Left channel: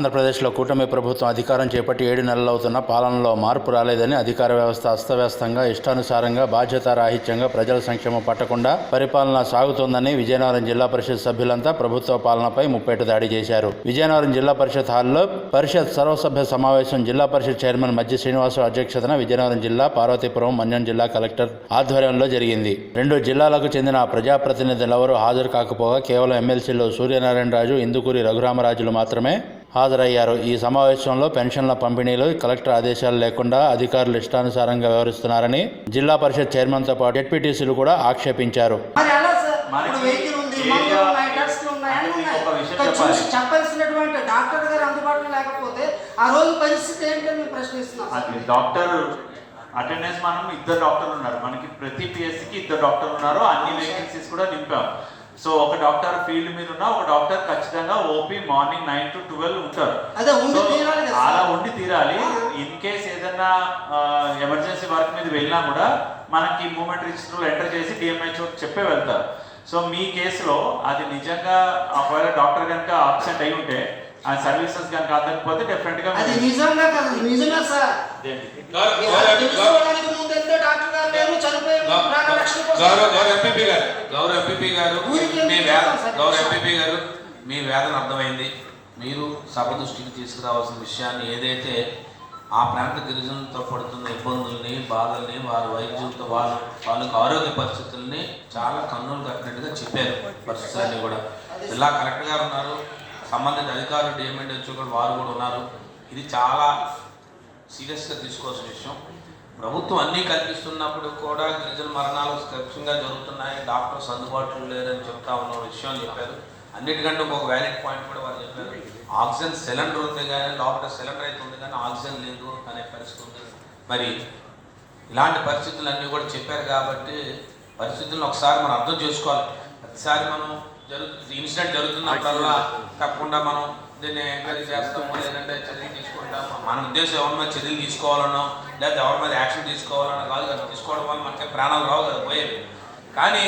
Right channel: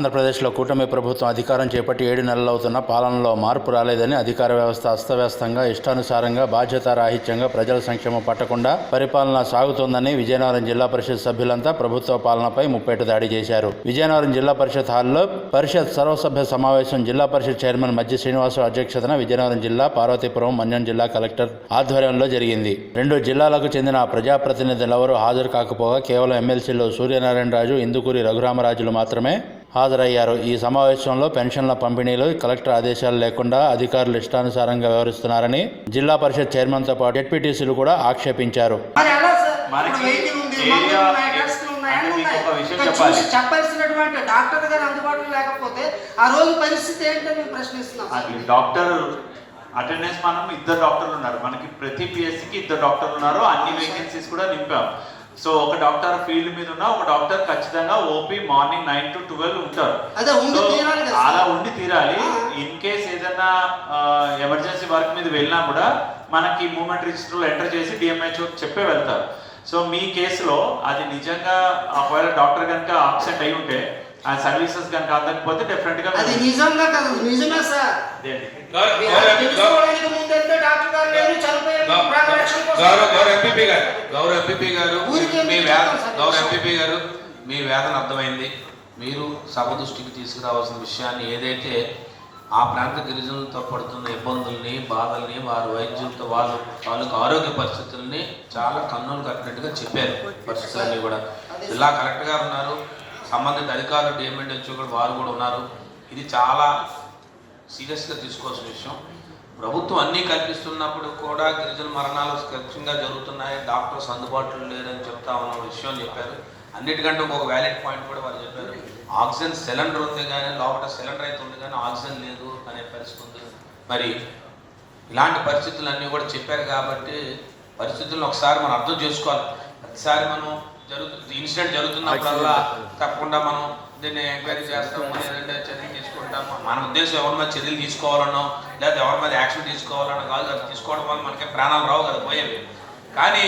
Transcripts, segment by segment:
ఆంధ్రప్రదేశ్లో కూటమి ప్రభుత్వం అధికారం చేపట్టి ఏడు నెలలవుతున్న పాలనలో మార్పు రాలేదని అధికార వ్యవస్థ అస్తవ్యస్తంగా ఇష్టానుసారంగా బాధ్యతారాహిత్యంగా ప్రజల సంక్షేమం పట్టకుండా పరిపాలన సాగుతోందని విజయనగరం జిల్లా పరిషత్ సభ్యులంతా ప్రభుత్వ పాలనపై ముప్పేట దాడి చేశారు. విజయనగరం జిల్లా పరిషత్ హాల్లో పరిషత్ సర్వసభ్య సమావేశం జిల్లా పరిషత్ చైర్మన్ మధ్య శ్రీనివాసు అధ్యక్షతన విజయనగరం జిల్లా పార్వతీపురం మన్యం జిల్లా కలెక్టర్ ఆధ్వర్యంలో జరిగింది. రెండు జిల్లాలకు చెందిన ప్రజాప్రతినిధులెవరూ హాజరు కాకపోగా కేవలం ఎమ్మెల్సీలు సూర్యనారాయణ రాజు ఇందుకూరి రఘురామరాజులు మాత్రమే హాజరయ్యారు. ఈ సమావేశంలో పెన్షన్ల పంపిణీలో కలెక్టర్ ఆదేశాలు లేకుండా అధికారులు ఇష్టానుసారంగా వ్యవహరిస్తున్నారని జిల్లా పరిషత్ చైర్మన్తో పాటు జెడ్పీటీసీలు కూడా ఆక్షేపించారు. మరి ఎలా సార్? మనకి ఇప్పుడు వెహికల్ ఉంది ఏరియా- మందులు ఉన్నాయి డ్రగ్స్ ఉన్నాయి అంటే అన్నీ మీకు ఉన్నాయి ఒక విషయం ఇక్కడ చెప్పాలి. చూసి చెప్పాల్సినటువంటి డాక్టర్ గారు అందుబాటులో లేకపోతే ఆ రోజు పరిస్థితి ఏంటని మేము ప్రశ్నిస్తున్నాం సార్. అది డాక్టర్ అటెండెన్స్ మనం ఇద్దరు డాక్టర్లు ఉన్నారు. మనకి ప్రతి పిఎస్సికి ఇద్దరు డాక్టర్లు ఉన్నారు. అన్ని వేకెన్సీస్ కూడా నింపాం. సో ఒక డాక్టర్ ఫీల్డ్ మీద ఉన్న ఒక డాక్టర్ ఖచ్చితంగా OP morning nine to twelve ఉంటారు. అదే ఉండి So, తీరాలి కదా అలా. ఉండి తీరాలి. ఇన్ కేస్ ఏదైనా ఎమర్జెన్సీ వర్క్ మీద వెళ్ళినా కూడా మనకి మూమెంట్ రిజిస్టర్లో ఎంటర్ చేసి డిఎంహెచ్ఓ చెప్పే వెళ్తారు. సో మీ కేసులో అది నిజంగా ఒకవేళ డాక్టర్ కనుక అబ్సెంట్ అయి ఉంటే ఆ సర్వీసెస్ కనుక అందకపోతే డెఫినెట్గా అది నిజంగా కదా నిజమే సార్. డాక్టర్ గారు లేరు చనిపోయారు గౌరవ-. గౌరవ ఎంపీపీ గారు గౌరవ ఎంపీపీ గారు మీ వేద? గౌరవ ఎంపీపీ గారు మీ వేదన అర్థమైంది మీరు సభ దృష్టికి తీసుకురావాల్సిన విషయాన్ని ఏదైతే ఆ ప్రాంత గిరిజనులతో పడుతున్న ఇబ్బందుల్ని బాధల్ని వారి వైద్యులతో వాళ్ళ వాళ్ళకి ఆరోగ్య పరిస్థితుల్ని చాలా కన్నులు కట్టినట్టుగా చెప్పారు పరిస్థితులన్నీ కూడా జిల్లా కలెక్టర్ గారు ఉన్నారు సంబంధిత అధికారులు డిఎంఎడ్ వచ్చి కూడా వారు కూడా ఉన్నారు ఇది చాలా సీరియస్గా తీసుకోవాల్సిన విషయం. ప్రభుత్వం అన్నీ కల్పిస్తున్నప్పుడు కూడా గిరిజన మరణాలు ఖచ్చితంగా జరుగుతున్నాయి. డాక్టర్స్ అందుబాటులో లేరని చెప్తా ఉన్న విషయం చెప్పారు. అన్నిటికంటే ఒక వ్యాలిడ్ పాయింట్ కూడా వారు చెప్పారు. ఆక్సిజన్ సిలిండర్ ఉంది కానీ లోపల సిలిండర్ అయితే ఉంది కానీ ఆక్సిజన్ లేదు అనే పరిస్థితి ఉంది. మరి ఇలాంటి పరిస్థితులన్నీ కూడా చెప్పారు కాబట్టి పరిస్థితులను ఒకసారి మనం అర్థం చేసుకోవాలి. ప్రతిసారి మనం జరుగుతుంది ఇన్సిడెంట్ జరుగుతున్నప్పుడల్లా తప్పకుండా మనం దీన్ని ఎంక్వైరీ చేస్తాం. లేదంటే మన ఉద్దేశం ఎవరి మీద చర్యలు తీసుకోవాలన్నా లేదా ఎవరి మీద యాక్షన్ తీసుకోవాలన్నా కాదు అది తీసుకోవడం వల్ల మనకి ప్రాణాలు రావు కదా పోయేవి. కానీ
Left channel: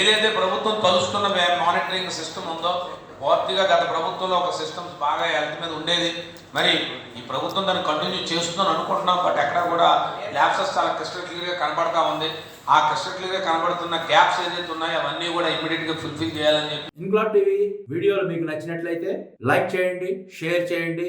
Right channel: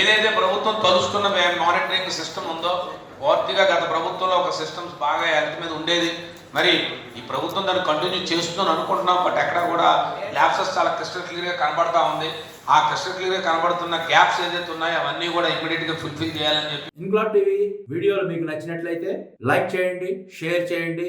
ఏదైతే ప్రభుత్వం తలుస్తున్న మానిటరింగ్ సిస్టమ్ ఉందో పూర్తిగా గత ప్రభుత్వంలో ఒక సిస్టమ్స్ బాగా హెల్త్ మీద ఉండేది. మరి ఈ ప్రభుత్వం దాన్ని కంటిన్యూ చేస్తుందని అనుకుంటున్నాం బట్ ఎక్కడ కూడా ల్యాబ్సెస్ చాలా క్రిస్టల్ క్లియర్గా కనబడతా ఉంది. ఆ క్రిస్టల్ క్లియర్గా కనబడుతున్న గ్యాప్స్ ఏదైతే ఉన్నాయో అవన్నీ కూడా ఇమీడియట్గా ఫుల్ఫిల్ చేయాలని చెప్పి. ఇంకులాబ్ టీవీ వీడియోలు మీకు నచ్చినట్లయితే లైక్ చేయండి షేర్ చేయండి.